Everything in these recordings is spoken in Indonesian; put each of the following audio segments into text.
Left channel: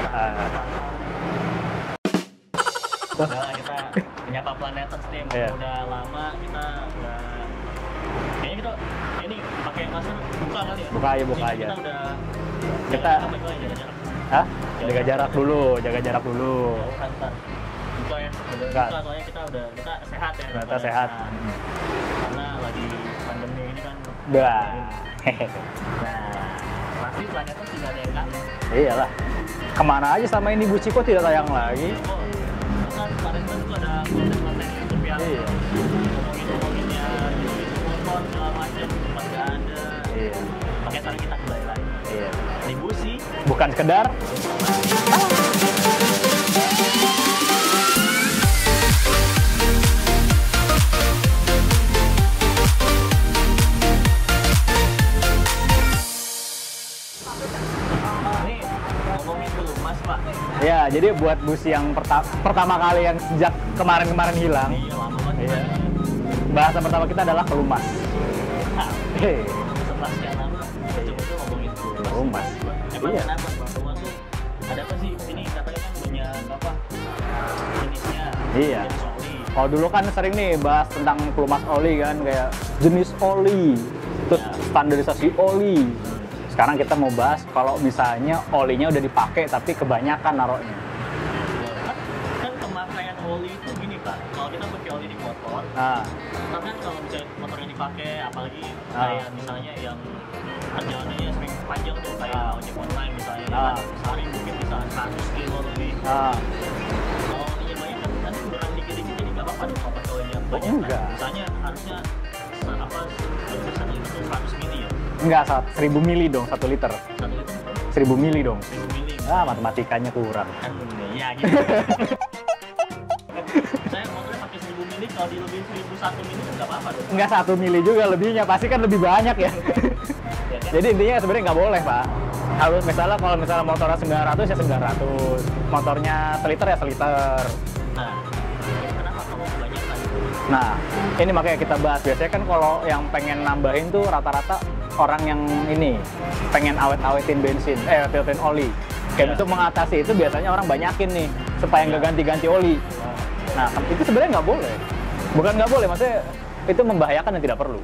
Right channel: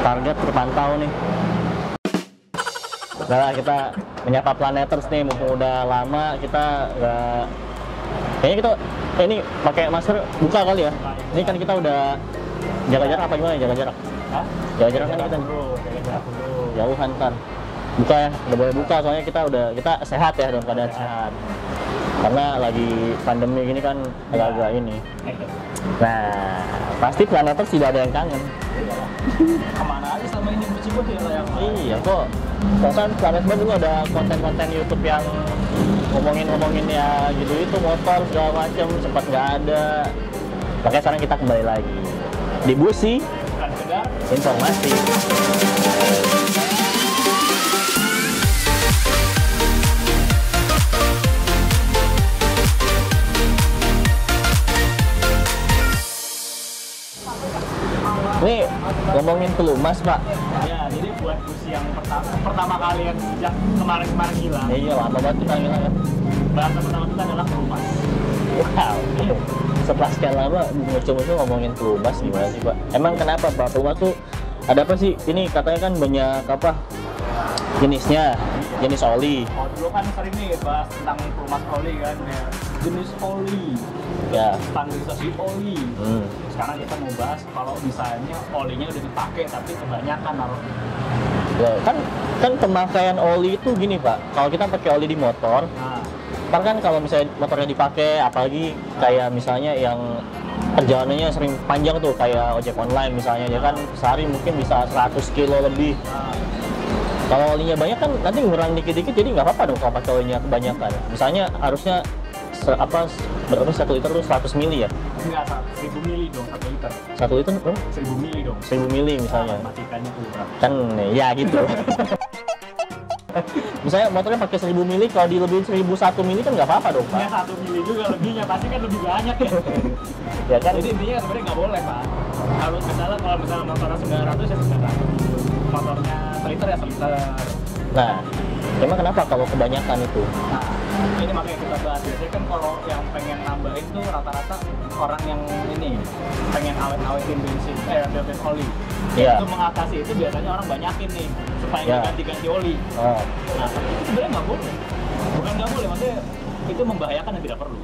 Target terpantau nih. Udah lah, kita menyapa Planeters nih, mumpung udah lama kita nggak. Kayaknya kita ini pakai masker buka kali ya. Buka Ini kan kita udah jaga jarak apa gimana? Jaga jarak. Hah? Jaga jarak dulu, jaga jarak dulu. Jauhan ntar. Buka ya, udah boleh buka soalnya kita sehat ya dalam keadaan sehat. Karena lagi pandemi gini kan agak ini. Nah, pasti Planeters tidak ada yang kangen. Iyalah. Kemana aja sama ini Bu Ciko tidak tayang lagi. Iya kok. Bahkan Planeters dulu ada konten-konten YouTube yang ngomongin ya gitu itu motor segala macam sempat nggak ada. Makanya sekarang kita kembali lagi di Busi, Bukan sekedar informasi. Ini ngomongin pelumas Pak. ya, jadi buat Busi yang pertama kali yang sejak kemarin-kemarin hilang. Iya lama banget kita kan. Bahasa pertama kita adalah pelumas. Wow. Setelah sekian lama muncul-muncul ngomongin pelumas gimana sih Pak? Emang kenapa Pak? Pelumas tuh ada apa sih? Ini katanya kan banyak apa? Jenisnya, jenis oli. Kalau dulu kan sering nih bahas tentang pelumas oli kan, kayak jenis oli, terus standarisasi oli. Sekarang kita mau bahas kalau misalnya olinya udah dipakai tapi kebanyakan naruhnya. Ya, kan pemakaian oli itu gini Pak. Kalau kita pakai oli di motor, kan kalau misalnya motornya dipakai, apalagi kayak misalnya yang perjalanannya sering panjang tuh kayak ojek online misalnya, ya kan sehari mungkin bisa 100 kilo lebih. Kalau olinya banyak kan nanti ngurang dikit-dikit, jadi nggak apa-apa dong kalau pakai olinya kebanyakan. Misalnya harusnya berapa 1 liter tuh 100 mili ya? Enggak, 1000 mili dong 1 liter. 1 liter dong? 1000 mili dong. 1000 mili misalnya. Matematikanya kurang. Kan ya gitu. Misalnya motornya pakai 1000 mili, kalau dilebihin 1001 mili kan nggak apa-apa dong. Enggak 1 mili juga lebihnya, pasti kan lebih banyak ya. Ya kan? Jadi intinya sebenarnya nggak boleh Pak. Kalau misalnya motornya 900 ya 900, motornya seliter ya seliter. Nah, emang kenapa kalau kebanyakan itu? Nah, ini makanya kita bahas. Biasanya kan kalau yang pengen nambahin tuh rata-rata orang yang ini pengen awet-awetin bensin, filterin oli. Ya. Untuk mengatasi itu biasanya orang banyakin nih supaya nggak ganti-ganti oli. Nah, itu sebenarnya nggak boleh. Bukan nggak boleh, maksudnya itu membahayakan dan tidak perlu.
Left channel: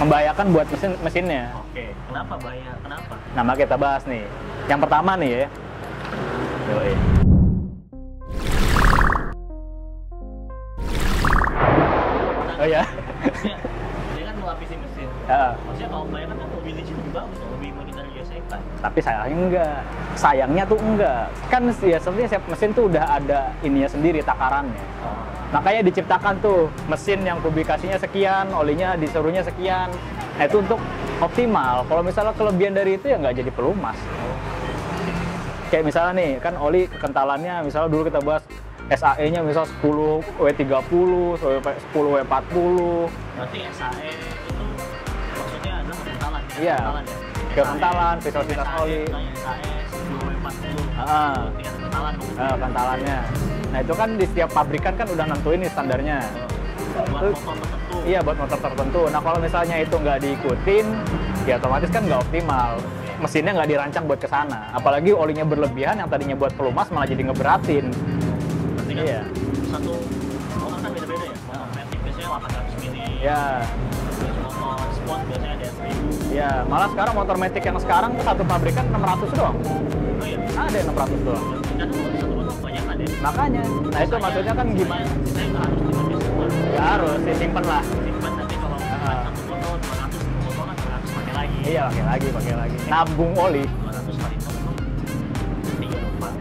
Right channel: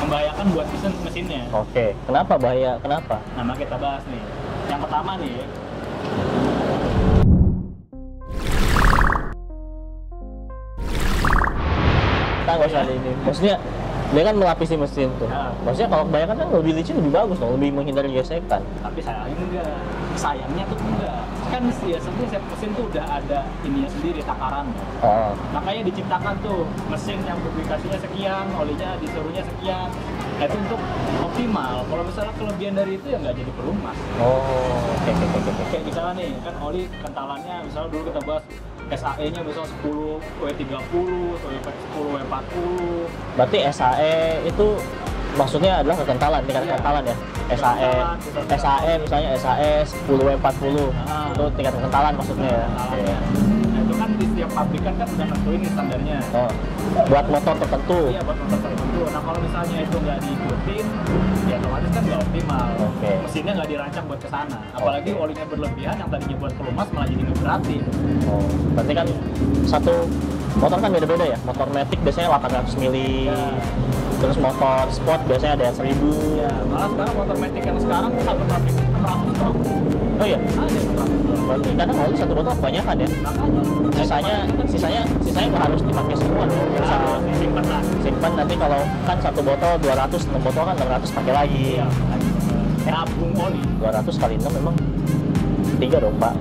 Membahayakan buat mesinnya. Oke, kenapa bahaya? Kenapa? Nah, maka kita bahas nih. Yang pertama nih ya. Maksudnya dia kan melapisi mesin tuh. Maksudnya kalau kebanyakan kan lebih licin lebih bagus dong, lebih menghindari gesekan. Tapi sayangnya enggak. Sayangnya tuh enggak. Kan biasanya setiap mesin tuh udah ada ininya sendiri, takarannya. Makanya diciptakan tuh mesin yang publikasinya sekian, olinya disuruhnya sekian. Nah, itu untuk optimal. Kalau misalnya kelebihan dari itu ya nggak jadi pelumas. Kayak misalnya nih, kan oli kentalannya, misalnya dulu kita bahas SAE-nya misal 10 W30, 10 W40. Berarti SAE itu maksudnya adalah kekentalan, tingkat kekentalan ya? SAE misalnya SAE 10 W40, itu tingkat kekentalan maksudnya. Kekentalannya. Nah itu kan di setiap pabrikan kan udah nentuin nih standarnya. Buat motor tertentu? Iya, buat motor tertentu. Nah kalau misalnya itu nggak diikutin, ya otomatis kan nggak optimal. Mesinnya nggak dirancang buat kesana. Apalagi olinya berlebihan, yang tadinya buat pelumas malah jadi ngeberatin. Berarti kan satu motor kan beda-beda ya. Motor Matic biasanya 800 mili. Terus motor sport biasanya ada 1000. Ya, malah sekarang motor Matic yang sekarang satu pabrikan 600 doang. Oh iya, ada 600 doang. Berarti karena oli satu botol kebanyakan ya. Makanya, sisanya nggak harus dipakai semua. Harus disimpan lah. Simpan nanti kalau kan satu botol 200, 6 botol kan 600 pakai lagi. Iya, pakai lagi. Nabung oli 200 kali 6 memang 3 dong Pak.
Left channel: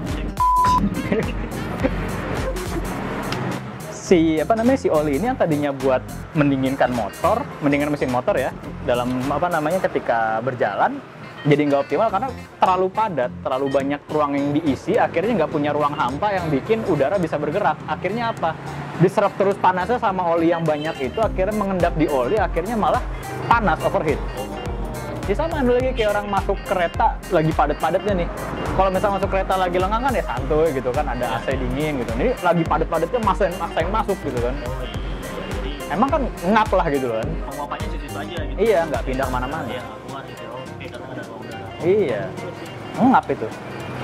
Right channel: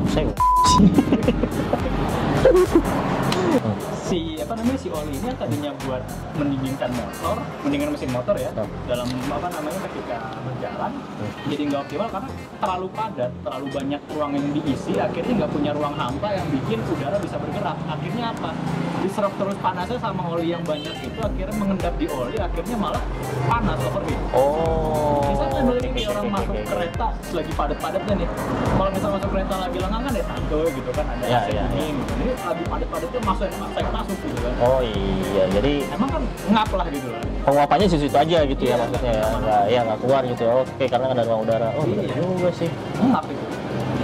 Si oli ini yang tadinya buat mendinginkan mesin motor ya, dalam ketika berjalan jadi nggak optimal karena terlalu padat, terlalu banyak ruang yang diisi, akhirnya nggak punya ruang hampa yang bikin udara bisa bergerak. Akhirnya apa? Diserap terus panasnya sama oli yang banyak itu, akhirnya mengendap di oli, akhirnya malah panas, overheat. Jadi sama lagi kayak orang masuk kereta lagi padat-padatnya nih. Kalau misalnya masuk kereta lagi lengang kan ya santuy gitu kan, ada AC dingin gitu. Jadi lagi padat-padatnya masa yang masuk gitu kan. Oh iya, jadi emang kan ngap lah gitu kan. Penguapannya di situ aja gitu. Iya, nggak pindah mana-mana. Iya, nggak keluar gitu. Oke, karena nggak ada ruang udara. Iya juga sih. Ngap itu.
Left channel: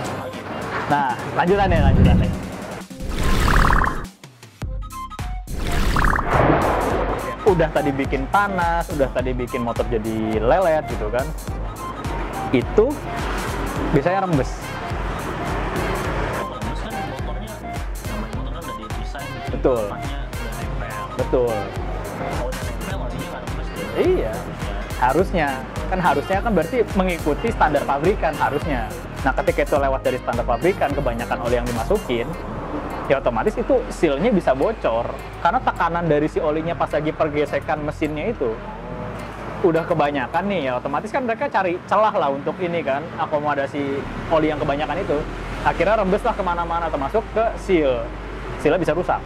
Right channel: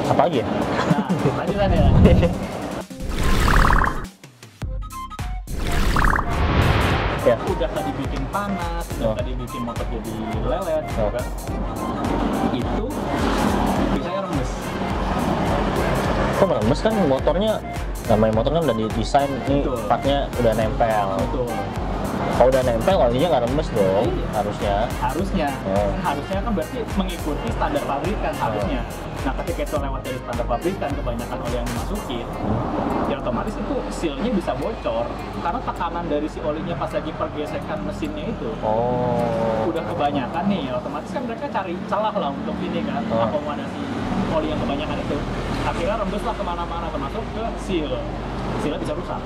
Apa lagi ya? Nah, lanjutan ya, lanjutan. Ya, udah tadi bikin panas, udah tadi bikin motor jadi lelet gitu kan. Itu biasanya rembes. Kok rembes kan motornya, namanya motor kan udah didesain ini Betul. partnya udah nempel. Betul. Kalau udah nempel olinya nggak rembes dong. Iya. Harusnya. Harusnya. Oh. Kan harusnya kan berarti mengikuti standar pabrikan harusnya. Nah, ketika itu lewat dari standar pabrikan, kebanyakan oli yang dimasukin, ya otomatis itu sealnya bisa bocor. Karena tekanan dari si olinya pas lagi pergesekan mesinnya itu, udah kebanyakan nih, ya otomatis kan mereka cari celah lah untuk ini kan, akomodasi oli yang kebanyakan itu. Akhirnya rembes lah kemana-mana, termasuk ke seal. Sealnya bisa rusak.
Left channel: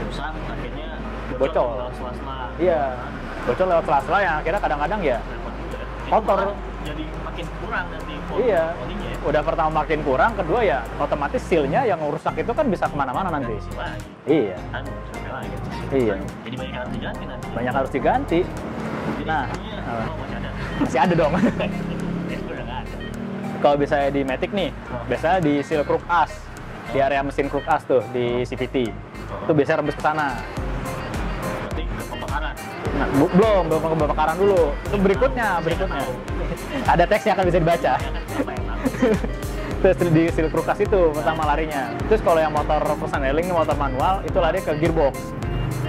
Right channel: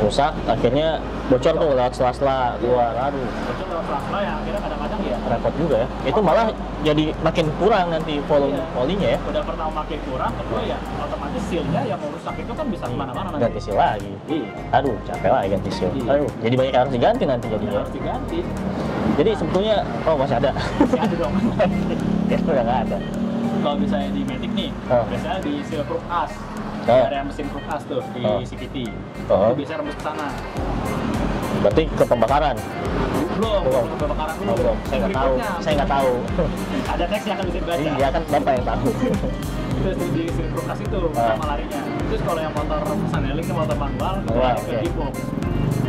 Rusak, akhirnya bocor tuh lewat sela-sela. Iya. Wah, aduh, Bocor lewat sela-sela yang akhirnya kadang-kadang ya repot juga ya. Itu malah jadi makin kurang nanti volume Iya. olinya ya. udah pertama makin kurang, kedua ya otomatis sealnya yang rusak itu kan bisa kemana-mana nanti. Ganti seal lagi. Iya. Aduh, capek lah ganti seal. Iya. Aduh, jadi banyak yang harus diganti nanti. Banyak jadinya. harus diganti. Jadi Nah. sebetulnya, oh masih ada. Masih ada dong. Ya udah nggak ada. Kalau biasanya di Matic nih, biasanya di seal crook as, di Oh. area mesin crook as tuh di CVT. Oh. Itu biasanya rembes ke sana. Berarti ke pembakaran. Nah, belum ke pembakaran dulu. Saya nggak Berikutnya, tahu. Saya nggak tahu. ada teksnya kan bisa dibaca. Iya kan bapak yang tahu. Terus di seal crook as itu pertama larinya. Terus kalau yang motor persneling, motor manual, itu lari ke gearbox.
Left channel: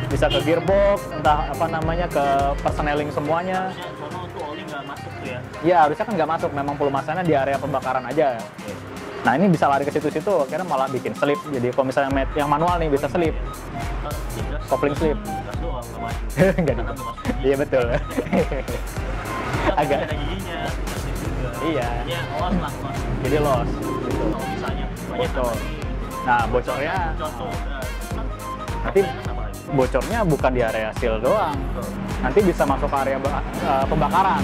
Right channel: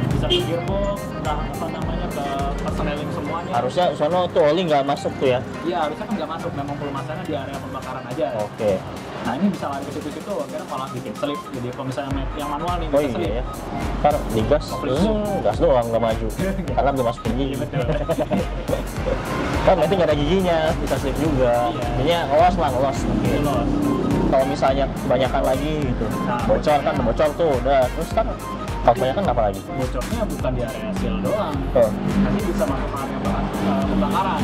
Bisa ke gearbox, entah apa namanya, ke persneling semuanya. Harusnya sono tuh oli nggak masuk tuh ya. Iya, harusnya kan nggak masuk, memang pelumasannya di area pembakaran aja. Oke. Nah, ini bisa lari ke situ-situ, akhirnya malah bikin slip. Jadi kalau misalnya yang manual nih bisa slip. Ya. Ntar digas, Kopling slip. gas doang nggak maju. Karena belum masuk gigi. Iya, betul. Oh, tapi nggak ada giginya, bisa slip juga. Iya. Artinya loss lah, loss. Jadi loss. Kalau misalnya kebanyakan lagi gitu. Nah, bocor kan, bocornya- bocor tuh udah. Terus kan kebanyakan apa lagi? Bocornya bukan di area seal doang. Oh. Nanti bisa masuk ke area pembakaran.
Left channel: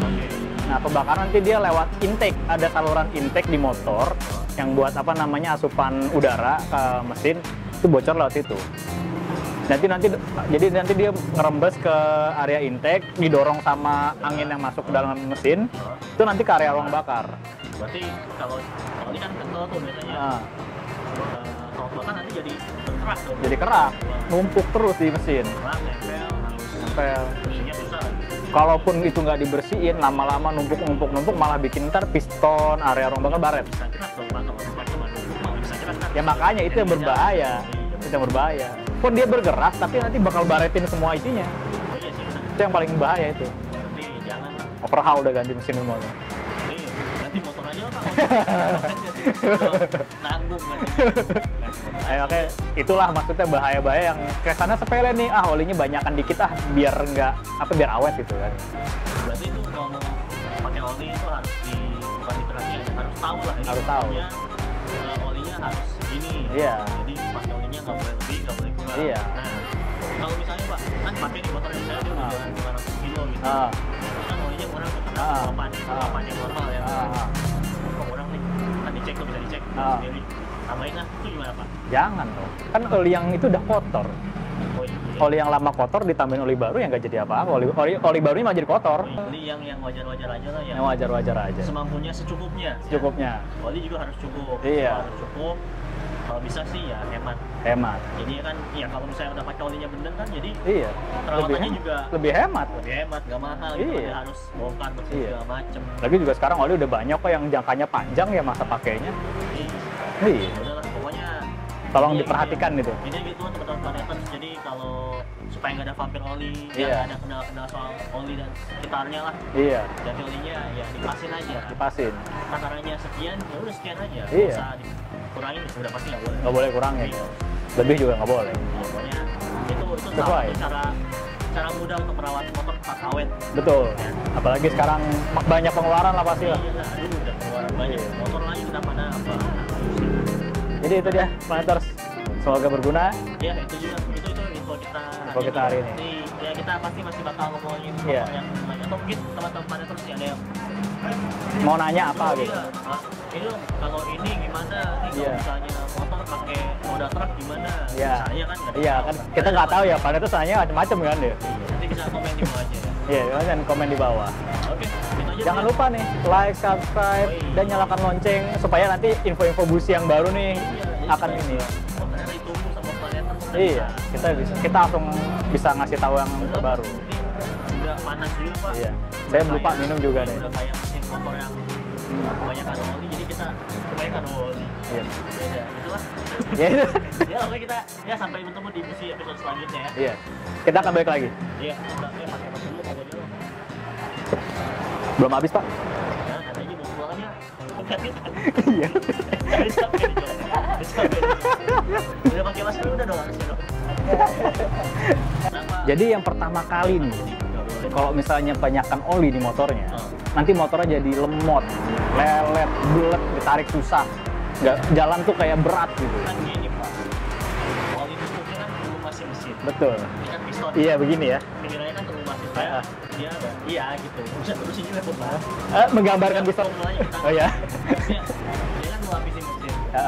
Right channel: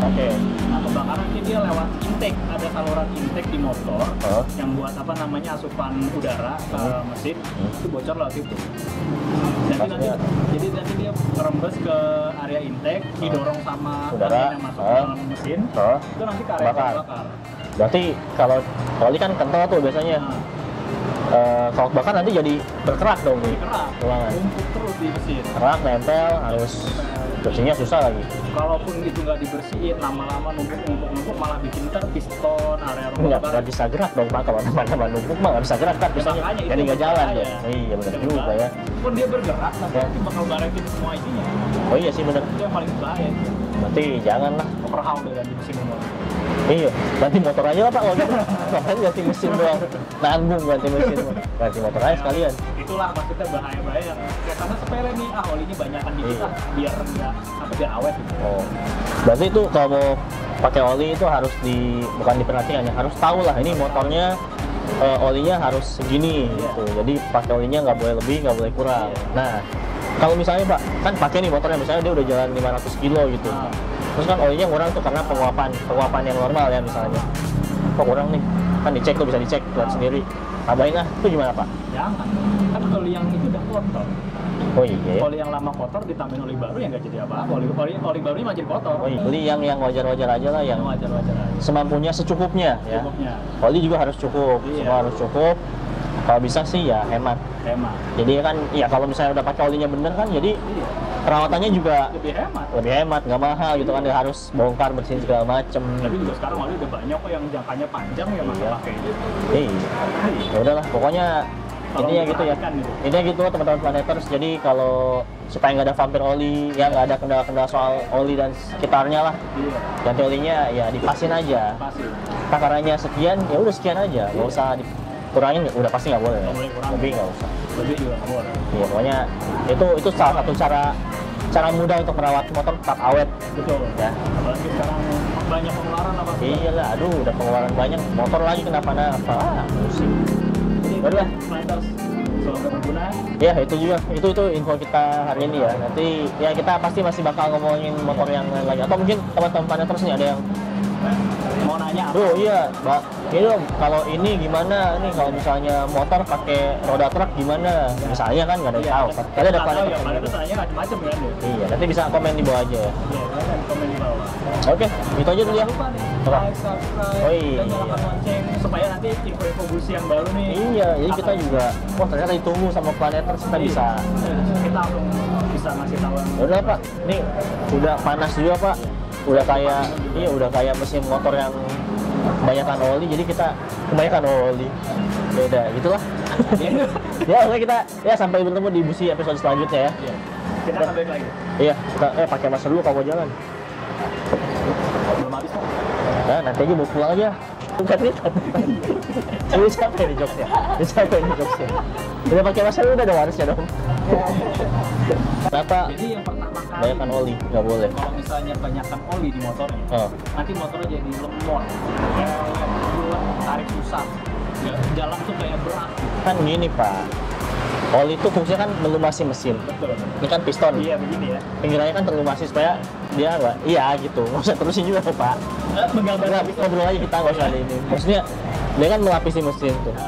Oke. Nah, pembakaran nanti dia lewat intake. Ada saluran intake di motor yang buat apa namanya asupan udara ke mesin, itu bocor lewat situ. Jadi nanti dia ngerembes ke area intake, didorong sama Udara. angin yang masuk ke dalam mesin, itu nanti ke area ruang bakar. Berarti kalau oli kan kental tuh biasanya. Kalau bakar nanti jadi berkerak dong. Jadi kerak, Ruangan. numpuk terus di mesin. Kerak, nempel, harus bersihnya susah lagi. Kalaupun itu nggak dibersihin, lama-lama numpuk malah bikin ntar piston, area ruang bakar Nggak bisa gerak dong Pak, kalau numpuk mah nggak bisa gerak kan. ya makanya itu yang berbahaya. Iya Itu benar. yang berbahaya. Pun dia bergerak, tapi nanti bakal baretin semua isinya. Oh iya sih benar. Itu yang paling bahaya itu. Berarti jangan lah. Overhaul udah ganti mesin semua. Iya, ganti motor aja lah Pak. Kalau gitu. Makanya ganti mesin doang. Nanggung ganti mesin. Ganti motor aja sekalian. Itulah maksudnya bahaya-bahaya yang kesannya sepele nih, olinya banyakan dikit biar enggak biar awet gitu. Oh. Berarti itu kalau mau pakai oli itu harus bukan diperhatikan ya, harus tahu lah ini Harus motornya olinya harus segini Iya. gitu. Jadi pakai olinya nggak boleh lebih, nggak boleh kurang. Iya. Nah, kalau misalnya Pak, kan pakai nih motornya misalnya dia udah jalan 500 kilo gitu. Terus kan olinya kurang tuh karena penguapan yang normal ya misalnya. Kok kurang nih? Kan dicek tuh, bisa dicek lihat sendiri. Tambahin lah, itu gimana Pak? Jangan. Kan oli yang itu udah kotor. Oh iya. Oli yang lama kotor ditambahin oli baru yang nggak jadi apa-apa. Oli barunya malah jadi kotor. Oh iya. Beli yang wajar-wajar aja lah, yang Yang wajar-wajar aja. semampunya, secukupnya. Ya. Cukupnya. Oli juga harus cukup, Iya. semua harus cukup. Kalau bisa sih ya hemat. Hemat. Jadi kan, ya kalau misalnya udah pakai olinya bener kan, jadi Iya. perawatannya juga Lebih hemat. lebih hemat, nggak mahal gitu kan. Iya. Dia harus bongkar bersihin Iya. segala macem. Tapi juga sekarang oli udah banyak kok yang jangkanya panjang ya masa pakai aja. Iya. Ya udahlah, pokoknya Tolong intinya gitu ya. diperhatikan gitu. Intinya gitu teman-teman Planeters. Jadi kalau supaya nggak ada vampir oli, ya nggak ada kendala-kendala soal oli dan sekitarnya lah. Iya. Ganti olinya ya dipasin aja. Pasin. Takarannya sekian, ya udah sekian aja. Nggak Iya. usah dikurangin, udah pasti nggak boleh. Nggak boleh kurang. Lebih nggak usah. Lebih juga nggak boleh. Iya, pokoknya itu salah satu cara mudah untuk merawat motor tetap awet. Betul ya. Apalagi sekarang banyak pengeluaran lah pasti. Iya lah, aduh udah pengeluaran banyak, motor lagi kenapa-napa. Pusing. Jadi itu ya, Planeters. Semoga berguna. Ya itu juga, itu info kita hari ini Info kita ya. hari ini. Nanti ya kita pasti masih bakal ngomongin motor yang lain lagi. Atau mungkin teman-teman Planeters nih ada yang mau nanya apa? Bro, iya, Mbak. Ini dong, kalau ini gimana? Nih kalau Iya. misalnya motor pakai roda truk gimana? Iya. Misalnya kan nggak ada Iya, yang tahu. kan kita nggak tahu ya, karena itu soalnya macam-macam kan ya. Iya, nanti bisa komen di bawah aja ya. Iya, kalian komen di bawah. Oke, itu aja dulu Jangan ya. lupa nih, like, subscribe, Oh, iya. dan nyalakan lonceng supaya nanti info-info busi yang baru nih. Iya, jadi kita akan- juga, wah ternyata ditunggu sama planeter kita bisa. Iya, kita langsung bisa ngasih tahu yang Udah Pak, baru. ini udah panas juga Pak. Iya. Udah Saya lupa kayak minum juga. iya, udah kayak mesin motor yang kebanyakan oli, jadi kita kebanyakan oli. Beda, gitulah. Ya, oke kita ya sampai bertemu di busi episode selanjutnya ya. Iya. Kita akan balik lagi. Iya, kita pakai masker dulu kalau mau jalan. Belum habis, Pak. Nah, nanti aja mau pulang aja. Iya. Ini siapa ini jokesnya? Ini siapa ini jokesnya? Udah pakai masker udah dong harusnya dong. Kenapa? Jadi yang pertama kali Banyakan nih, oli, nggak boleh. kalau misalnya banyakan oli di motornya, Oh. nanti motornya jadi lemot, lelet, bulet, ditarik susah. Nggak, jalan tuh kayak berat gitu. Kan gini Pak, oli itu fungsinya kan melumasi mesin. Betul. Ini kan piston. Iya, begini ya. Pinggirannya kan terlumasi supaya dia apa? Iya gitu. Nggak usah terusin juga Pak. Menggambarkan Kita ngobrol aja kita nggak Iya. usah ini. Maksudnya dia kan melapisi mesin. Tuh. Ya.